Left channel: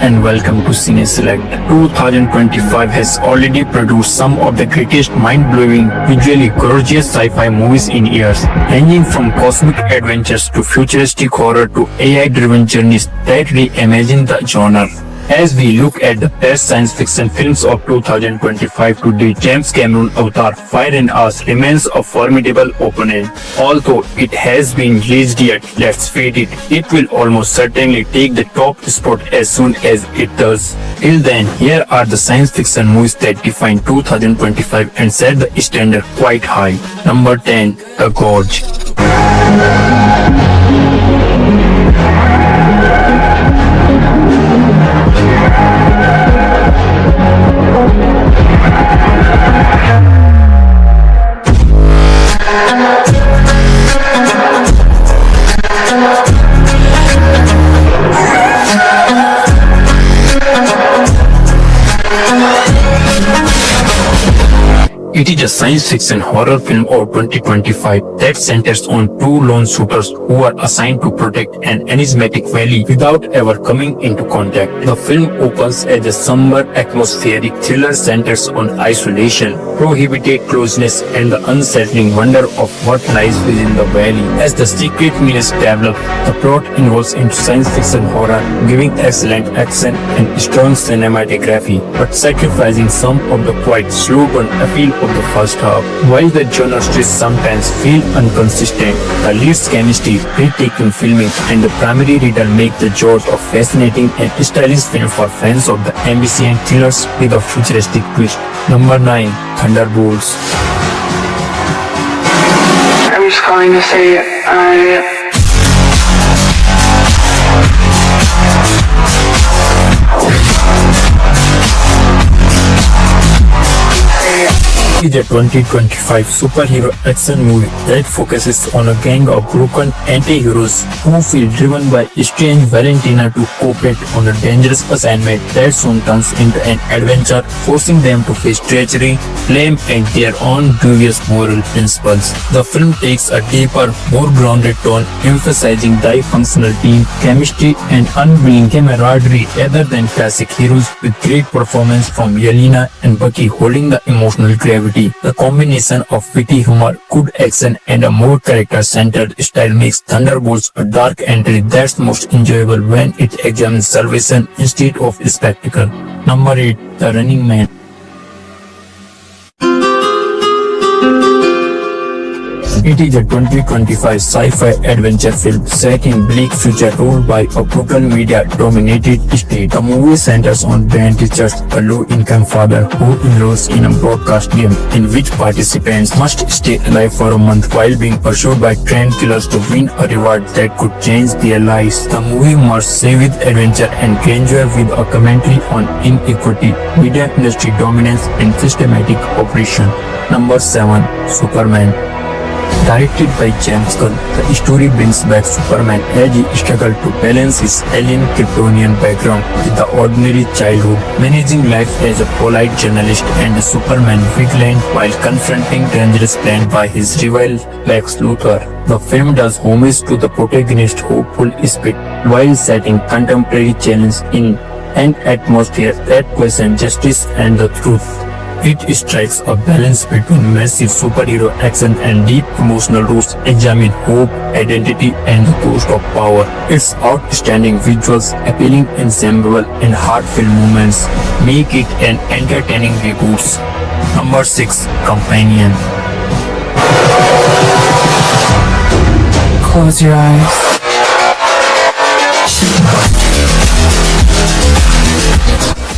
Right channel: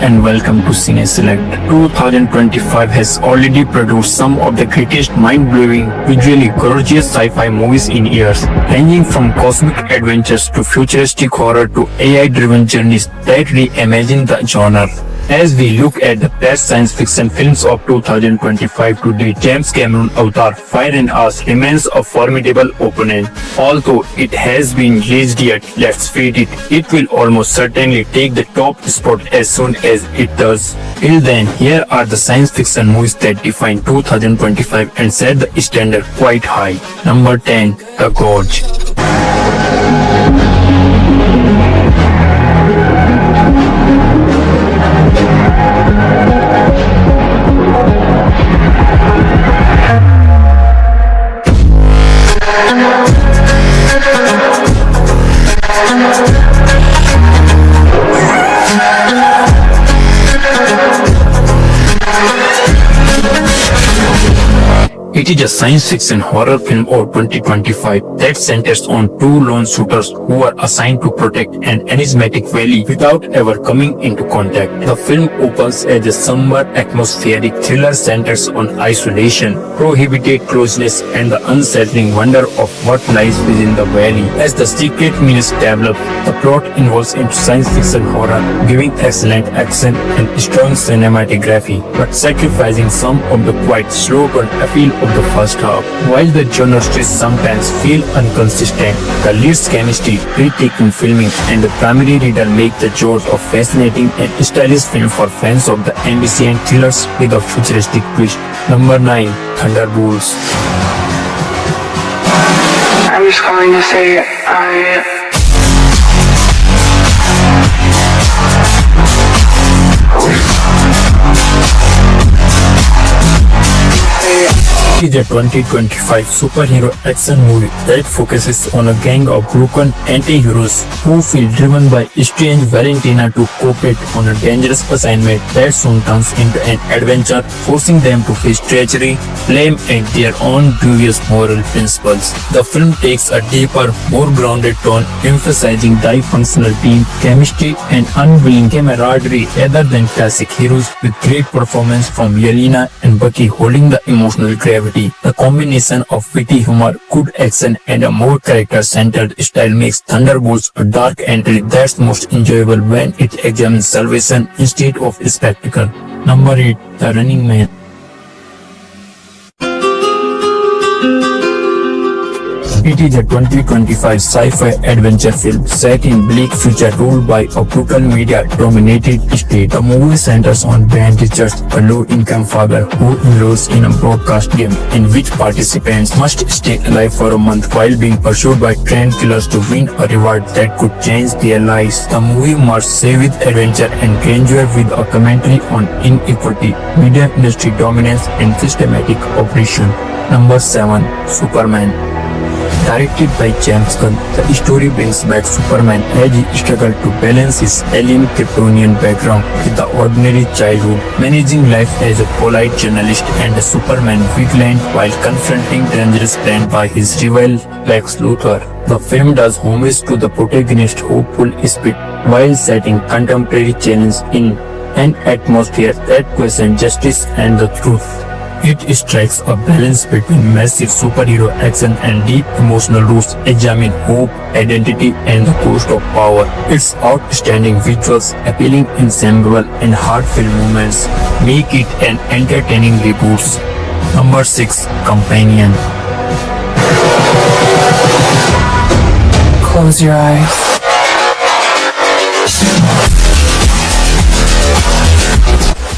and welcome to Cine Select. 2025 has already produced some of the greatest mind-blowing, visually gorgeous sci-fi movies in years, ranging from cosmic adventures to futuristic horror to AI-driven journeys that reimagine the genre. As we look at the best science fiction films of 2025 to date, James Cameron's Avatar: Fire and Ash remains a formidable opponent. Although it has been released yet, let's face it, it will almost certainly take the top spot as soon as it does. Till then, here are the science fiction movies that define 2025 and set the standard quite high. Number 10. The Gorge. It is a science fiction horror film of 2025 that centers on two lone shooters who are assigned to protect an enigmatic valley without ever coming into contact. The film opens as a somber atmospheric thriller centers on isolation, prohibited closeness, and the unsettling wonder of what lies within the valley. As the secret menace develops, the plot involves into science fiction horror, giving excellent action and strong cinematography, but sacrificing some of the quite slow burn appeal of the first half. While the genre twists sometimes feel inconsistent, the lead's chemistry, breathtaking filming, and the primary riddle make the genre a fascinating and stylish film for fans of the ambitious thrillers with a futuristic twist. Number 9. Thunderbolts. I'm just calling to say It is a 2025 superhero action movie that focuses on a gang of broken anti-heroes who feel driven by strange Valentina to cooperate on a dangerous assignment that soon turns into an adventure, forcing them to face treachery, blame, and their own dubious moral principles. The film takes a deeper, more grounded tone, emphasizing dysfunctional team chemistry and unwilling camaraderie rather than classic heroes, with great performance from Yelena and Bucky holding the emotional gravity. The combination of witty humor, good action, and a more character-centered style makes Thunderbolts a dark entry that's most enjoyable when it examines salvation instead of spectacle. Number 8. The Running Man. It is a 2025 sci-fi adventure film set in bleak future ruled by a brutal media-dominated state. The movie centers on Ben Richards, a low-income father who enrolls in a broadcast game in which participants must stay alive for a month while being pursued by trained killers to win a reward that could change their lives. The movie merges with adventure and grandeur with a commentary on inequity, media industry dominance, and systematic oppression. Number 7. Superman. Directed by James Gunn, the story brings back Superman as he struggles to balance his alien Kryptonian background with the ordinary childhood, managing life as a polite journalist and a Superman vigilant while confronting dangerous plans by his rival Lex Luthor. The film does homage to the protagonist's hopeful spirit while setting contemporary challenges in an atmosphere that questions justice and the truth. It strikes a balance between massive superhero action and deep emotional roots, examine hope, identity, and the cost of power. Its outstanding visuals, appealing ensemble, and heartfelt moments make it an entertaining reboot. Number 6. Companion. close your eyes.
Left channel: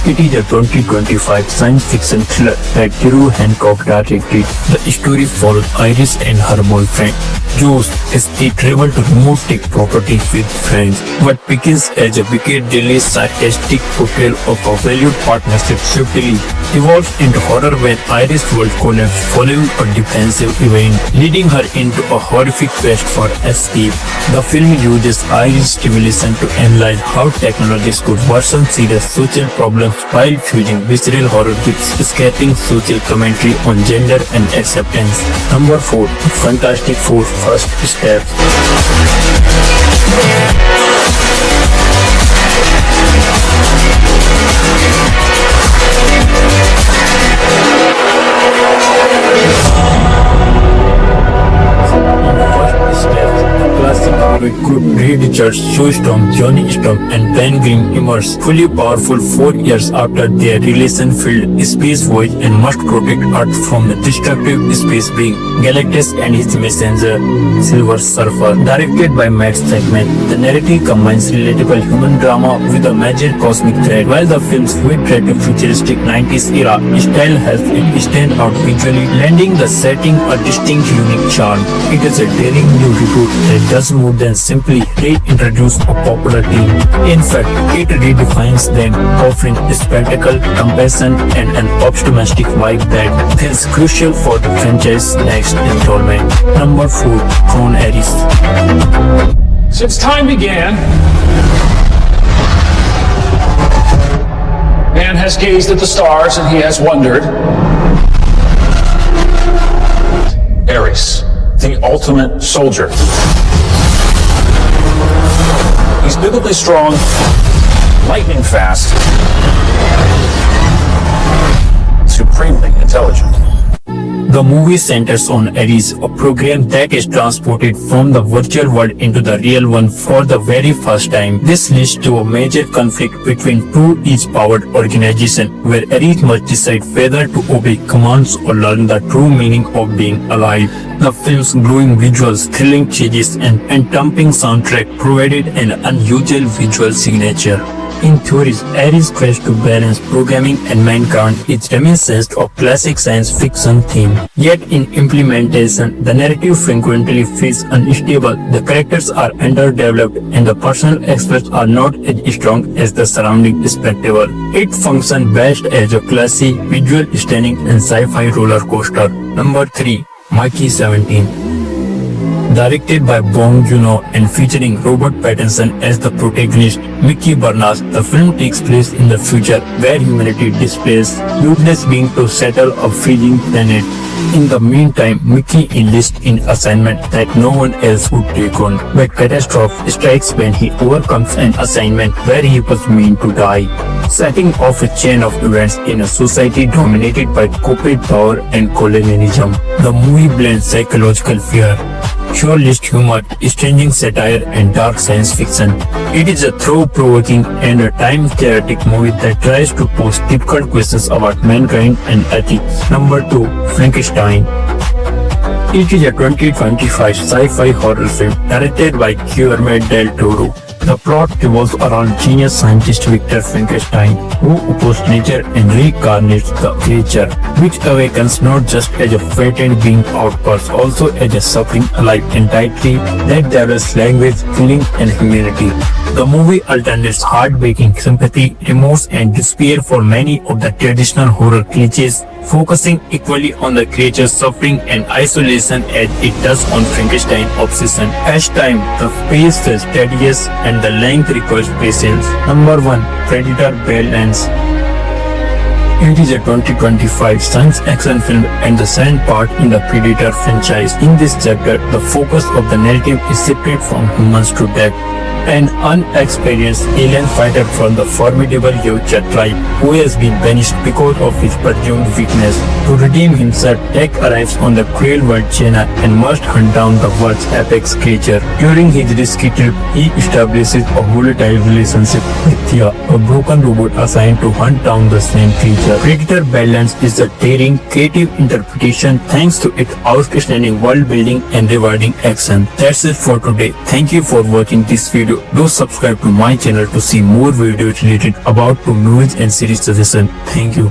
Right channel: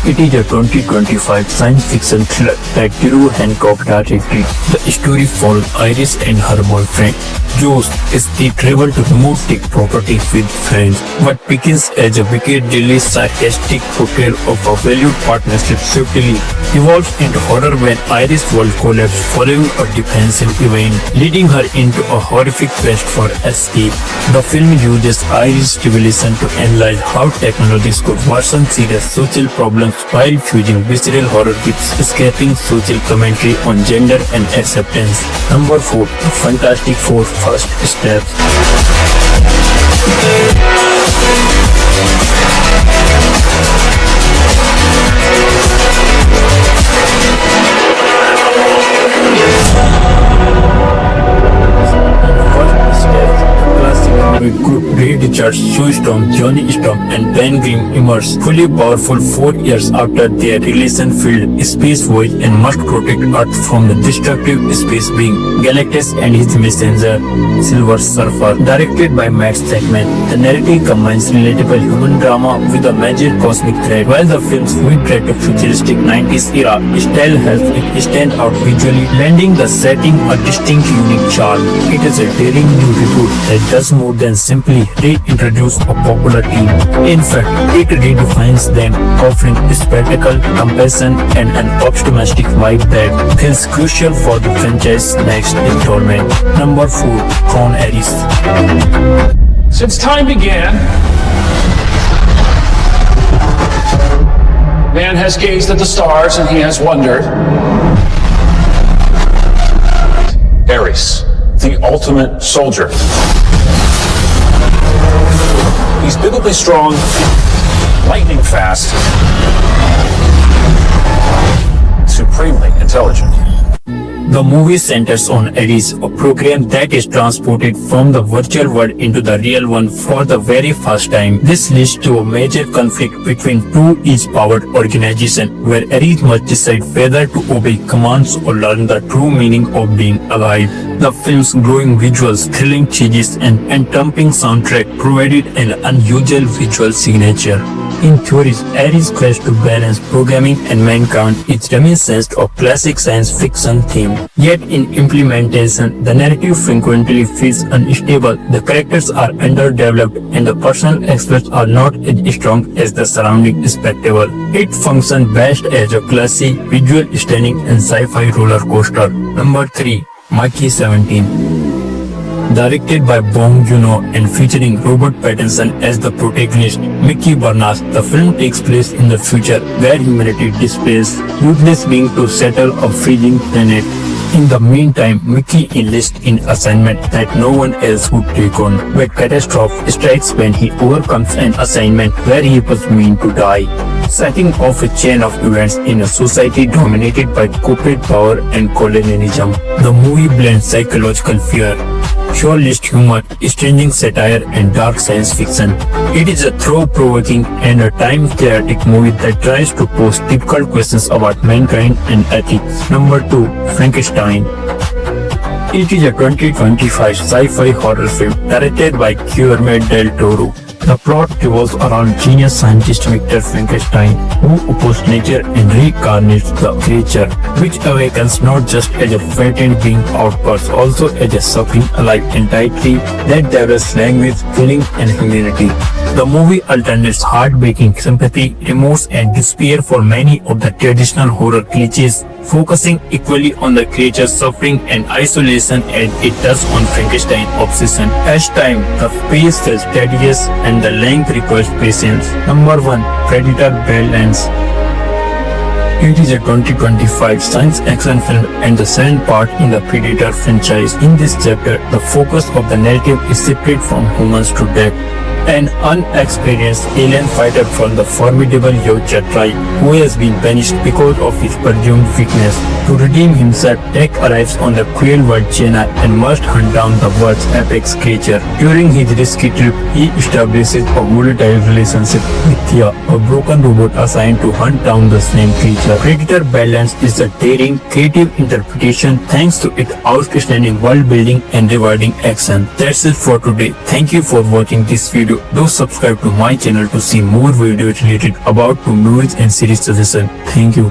It is a 2025 science fiction thriller that Drew Hancock directed. The story follows Iris and her boyfriend, Josh, as they travel to remote tech property with friends. What begins as a wickedly sarcastic portrayal of a valued partnership swiftly evolves into horror when Iris' world collapses following a defensive event, leading her into a horrific quest for escape. The film uses Iris' revelation to analyze how technologies could worsen serious social problems while fusing visceral horror with escaping social commentary on gender and acceptance. Number 4. Fantastic Four: First Steps. Richards, Sue Storm, Johnny Storm, and Ben Grimm emerge fully powerful 4 years after their relation failed Space Voyage and must protect Earth from the destructive space being Galactus and his messenger, Silver Surfer. Directed by Matt Stackman, the narrative combines relatable human drama with a major cosmic threat. While the film's retroactive futuristic 90s era style helps it stand out visually, lending the setting a distinct unique charm. It is a daring new reboot that does more than simply reintroduce a popular theme. In fact, it redefines them, offering spectacle, compassion, and an optimistic vibe that feels crucial for the franchise's next installment. Number 4. Tron Ares. Since time began, man has gazed at the stars and he has wondered. Ares, the ultimate soldier. He's biblically strong, lightning fast, supremely intelligent. The movie centers on Ares, a program that is transported from the virtual world into the real one for the very first time. This leads to a major conflict between two each-powered organizations, where Ares must decide whether to obey commands or learn the true meaning of being alive. The film's glowing visuals, thrilling chases, and entrancing soundtrack provided an unusual visual signature. In theory, Ares tries to balance programming and mankind, its reminiscent of classic science fiction theme. Yet in implementation, the narrative frequently feels unstable, the characters are underdeveloped, and the personal aspects are not as strong as the surrounding spectacle. It functions best as a classy, visual stunning and sci-fi roller coaster. Number 3. Mikey 17. Directed by Bong Joon-ho and featuring Robert Pattinson as the protagonist, Mickey Barnas, the film takes place in the future where humanity displays goodness being to settle a freezing planet. In the meantime, Mickey enlists in assignment that no one else would take on, but catastrophe strikes when he overcomes an assignment where he was meant to die, setting off a chain of events in a society dominated by corporate power and colonialism. The movie blends psychological fear, surrealist humor, stringent satire, and dark science fiction. It is a thought-provoking and a time-theoretic movie that tries to pose difficult questions about mankind and ethics. Number 2. Frankenstein. It is a 2025 sci-fi horror film directed by Guillermo del Toro. The plot revolves around genius scientist Victor Frankenstein, who opposes nature and reincarnates the creature, which awakens not just as a fated being out but also as a suffering alive entity that develops language, feeling, and humanity. The movie alternates heartbreaking sympathy, remorse, and despair for many of the traditional horror cliches, focusing equally on the creature's suffering and isolation as it does on Frankenstein's obsession. As time, the pace feels tedious and the length requires patience. Number 1. Predator Badlands. It is a 2025 science action film and the second part in the Predator franchise. In this chapter, the focus of the narrative is shifted from humans to death. An unexperienced alien fighter from the formidable Yautja tribe, who has been banished because of his presumed weakness. To redeem himself, Jack arrives on the cruel world China and must hunt down the world's apex creature. During his risky trip, he establishes a volatile relationship with Thea, a broken robot assigned to hunt down the same creature. Predator Badlands is a daring, creative interpretation thanks to its outstanding world building and rewarding action. That's it for today. Thank you for watching this video. Do subscribe to my channel to see more videos related about to movies and series suggestions. Thank you.